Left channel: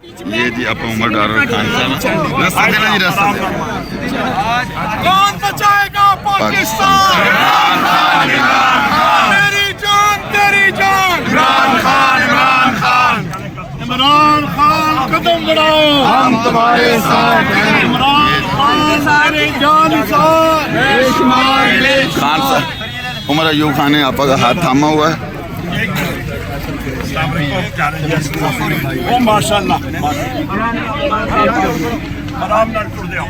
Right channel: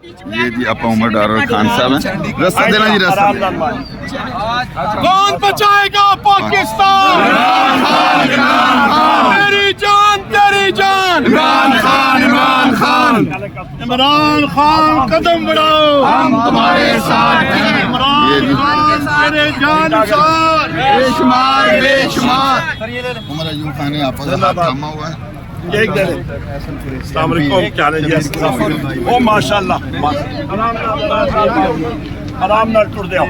ये जी अपा उमर डार खान साहब हैं। रास्ता देना जी, रास्ता देना। कौन बचाएगा पाकिस्तान? मेरी जान तेरी जान। इमरान खान कदम बढ़ाओ, हम तुम्हारे साथ हैं। इमरान खान तेरे जान साथ। उमर अयूब खान ने आपा का हाथ थामा हुआ है। ओ माशाल्लाह, आराम ना टूट जाओ।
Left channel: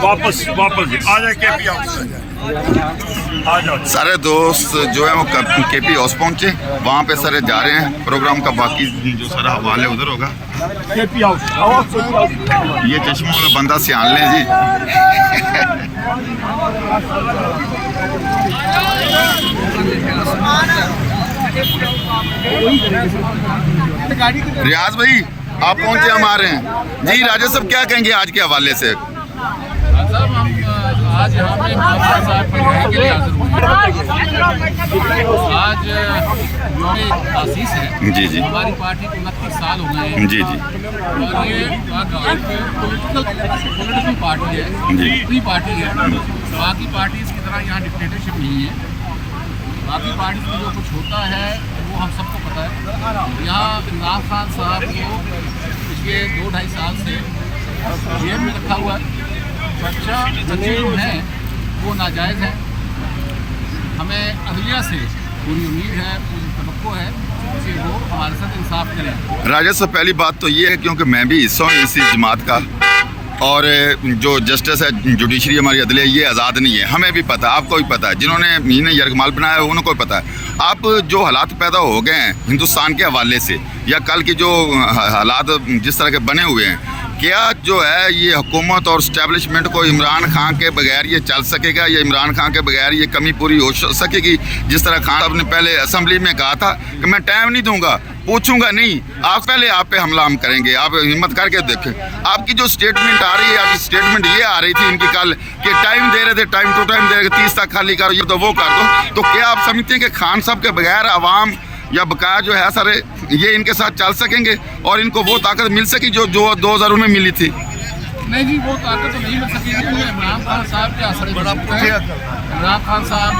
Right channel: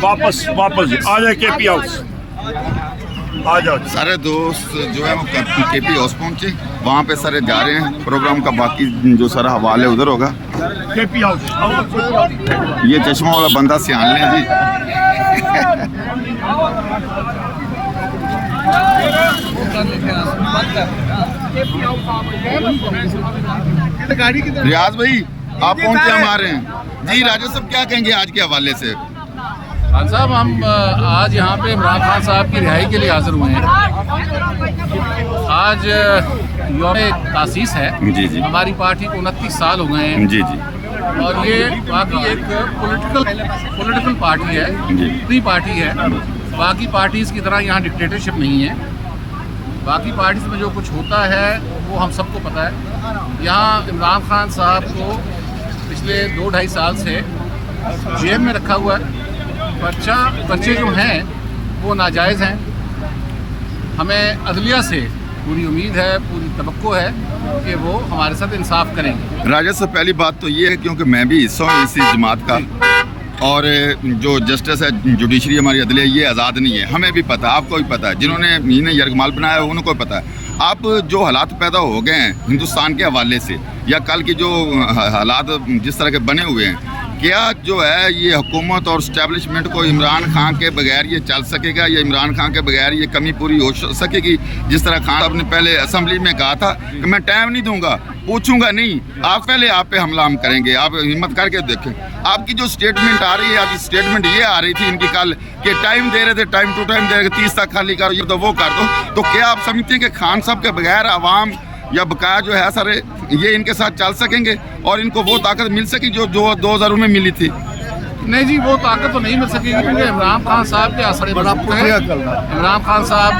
वापस आ जाए केपी हाउस, आ जाओ। सारे दोस्त जो है वो केपी हाउस पहुंचे, वहाँ पे सारे जा रहे हैं। प्रोग्राम का बाकी जो सारा हवाले उधर होगा। केपी हाउस ये चश्मा वाला बंदा सियान लें जी। रियाज भाई आप पहुंचे, हम आ रहे हैं जी। राजा साहब क्या कहेंगे आज के हवाले से? खान साहब, हम आज यहाँ पे इमरान खान साहब की रिहाई के लिए हाजिर हुए हैं। आज यौम तासीस है जी जी। हमारी पार्टी को 29 साल हो गए हैं जी जी। और ये वाकई एक पॉलिटिकल पार्टी है, फ्री पार्टी है। बाकी पार्टीज़ की तरह यहाँ डिक्टेटरशिप नहीं है। बाकी पार्टीज में जो कुछ होता है वो हम सबको पता है। यहाँ इमरान खान साहब को पिछले 2-2.5 साल से जेल में रखा हुआ है। पर्चे जो हैं वो नाजायज़ हैं। हमें अदलिया से पूरी उम्मीद है, पूरी तवक्को है कि वो हमारे साथ इंसाफ करेंगे। राजा साहब पहली बात तो ये है क्योंकि मैं भी हिस्सा हूँ इसी जमात का, और जो जस्टिस है जुडिशरी हमारी अदलिया ये आज़ाद नहीं है। हमें भी पता है, आपको भी पता है, जिन्होंने इन्हें यरगमाल बनाया है उनको भी पता है। अब जो हालात पैदा हो गए हैं हिंदुस्तान के हवाले से, या कल की जो हालात जिस तरह के बने हुए हैं, क्या जो है ये हुकूमत और इस्टेब्लिशमेंट को इमरान खान के बगैर ये चल सकेगा, या इमरान खान के बगैर ये कमी पूरी हो सकेगी? जिस तरह खान साहब ने पहले असेंबली में कहा था कि मैं टाइम नहीं दूंगा, पूछूंगा नहीं, आप पहले आप पे हमला हम करेंगे। आप हिम्मत करके देखें। आपकी जो स्टेटमेंट आ रही है, आज स्टेटमेंट ये आ रही थी इनकी कल कि टाइम दे रहे थे, टाइम टू टाइम दे रहे थे, 30 तक खाली करो, ये तो वो कर दो। तो क्या आप समझते हैं कि खान साहब के बगैर आवाम या बकाया जो है सारे ये इनके साथ चल सकेंगे और इनको वो ताकत मिल सकी जो 2000 में मिली थी? नहीं जी, वो ताकत तो नहीं मिल सकेगी क्योंकि इमरान खान साहब के असर मजबूत है। इमरान खान साहब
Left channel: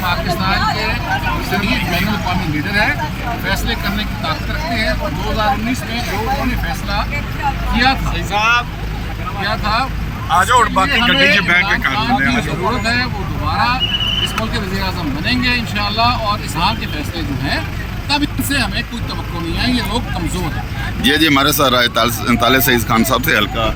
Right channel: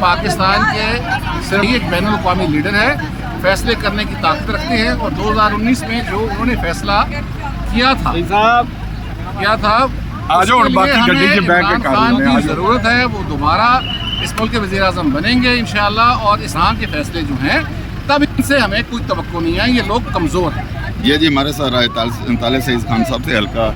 पाकिस्तान के सही एक बैनुल अक़वामी लीडर है, फैसले करने की ताकत रखते हैं। और 2019 में जो उन्होंने फैसला किया था इमरान खान की ज़रूरत है। वो दोबारा इस मुल्क के वज़ीर-ए-आज़म बनेंगे इंशाअल्लाह। और इस्लाम के फैसले जो हैं तब इनसे हमें कोई तवक्को नहीं है। ये लोग कमज़ोर हैं। जी हमारे साथ ताले सईद खान साहब से हल्का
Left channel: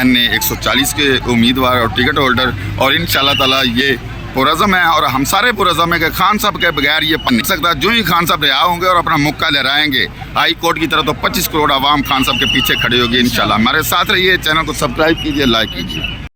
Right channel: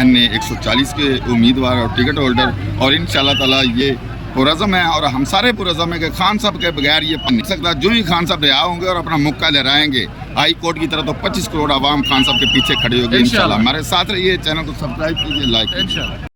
NA 140 के उम्मीदवार और टिकट होल्डर, और इंशाअल्लाह ताला ये पुरज़म है और हम सारे पुरज़म है कि खान साहब के बगैर ये बन नहीं सकता। जो ही खान साहब रिहा होंगे और अपना मुक्का लहराएंगे हाई कोर्ट की तरह, तो 25 करोड़ आवाम खान साहब के पीछे खड़ी होगी इंशाअल्लाह। हमारे साथ रहिए, चैनल को सब्सक्राइब कीजिए, लाइक कीजिए।